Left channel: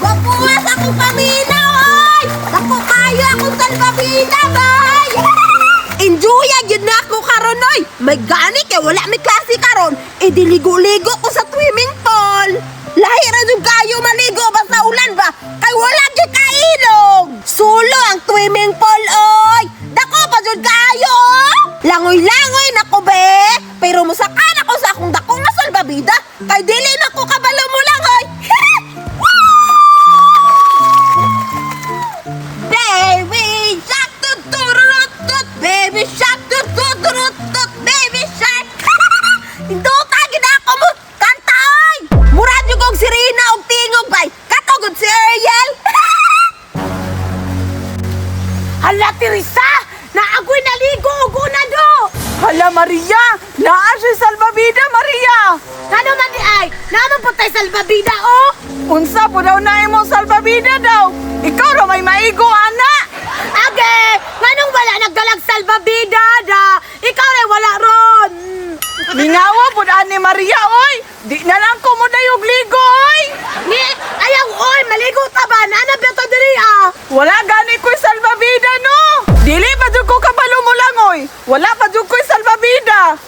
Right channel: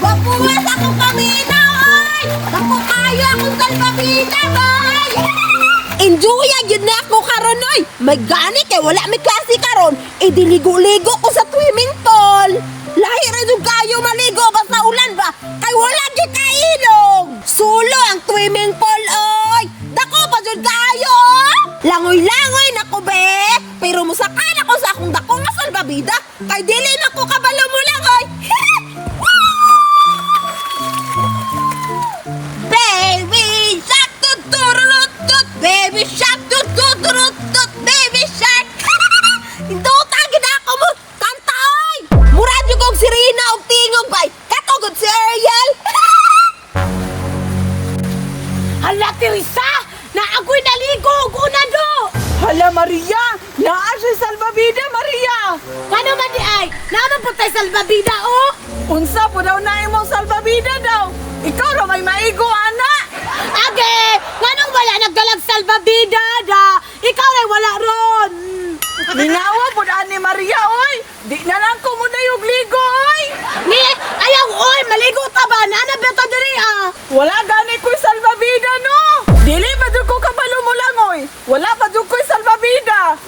Wapuwas akong paminaw, oy! Naku kayo akong salbabida, boy! Enjoy yun na ako karon, oy! May gani kay wala may klase karon. Diligo-ligo ko sa swimming pool. Lahi ra jud kayo maligo basta ulan ba? Kay wala gyud kailog. Sulo ang swimming pool, oy! Dako pa jud kayo, oh! Langoy-langoy na ko, be! Pero musakan ako sa akong dakong na salbabida. Kay dili na ko kabalo mo lang, oy! Baby shark, tut-turut-tut! Baby shark, tut-turut-tut! Baby shark! Duta gid ako mo! Kanta, oy! Murad yung kong sirina og tingog, bay! Katugod si Ariel! Hala, Teresa! Naagoy naligo og una do! Hala, Maria! Naa siya salbabida, Maria! Ano man di ay? Naano po tayo salbabida, oh? Unsa po daw na imong salbabida daw? Ikaw ra may maigo, ana! Age! Nganong wala nagdalag salbabida, da? Ikaw rin wala ron! Minawa po ni Maria, oy! Di na lang ko mo dayog ligo, oy! Ni, ayaw, oy! Maligo ta ba? Nana ba ito diri, ah? Wala gani ko'y salbabida, no! Dili pa dyan ko kabalo mo lang, oy! Wala pa dyan ko'y salbabida!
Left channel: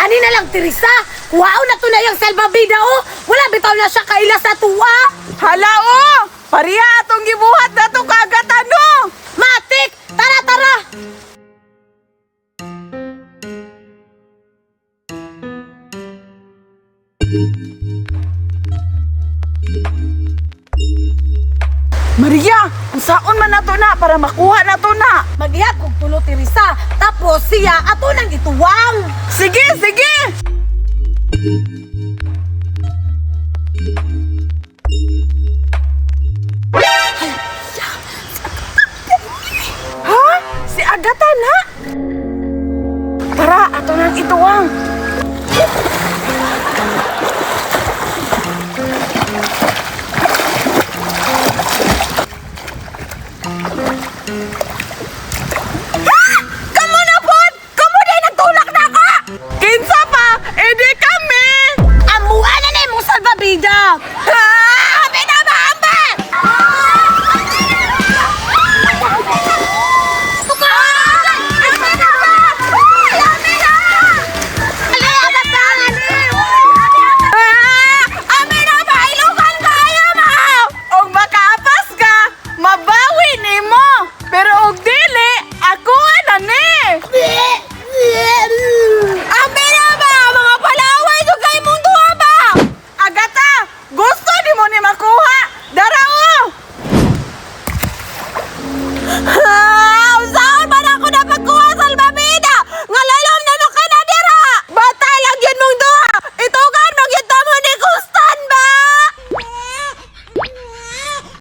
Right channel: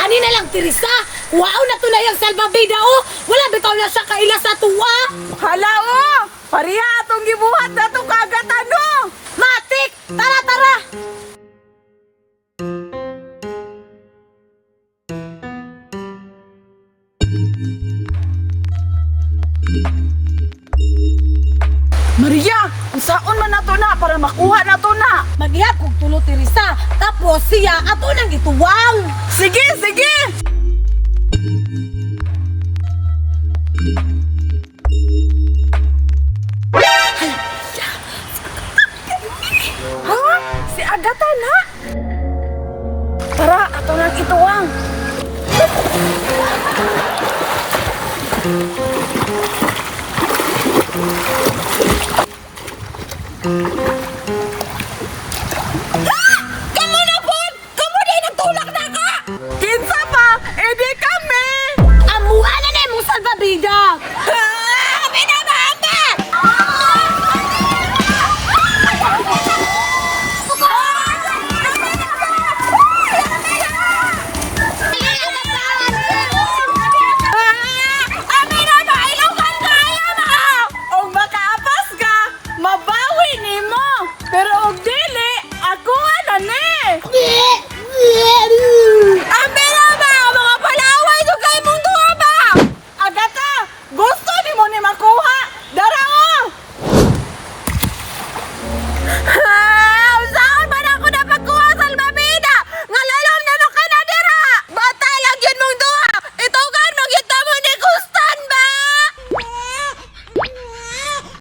Ani na lang, Teresa! Wow na to na yung salbabida, oh! Wala bitaw na siya kaila sa tuwa! Hala, oh! Pariya atong gibuhat na to kagatan, no! Matik! Tara, tara! Maria! Unsaon man na to na para makuha na to na! Magyag kog tulo, Teresa! Tapos siya ato nang ituwang! Sige, sige! Ha? Si Agata na? Tara, ato nang ituwang!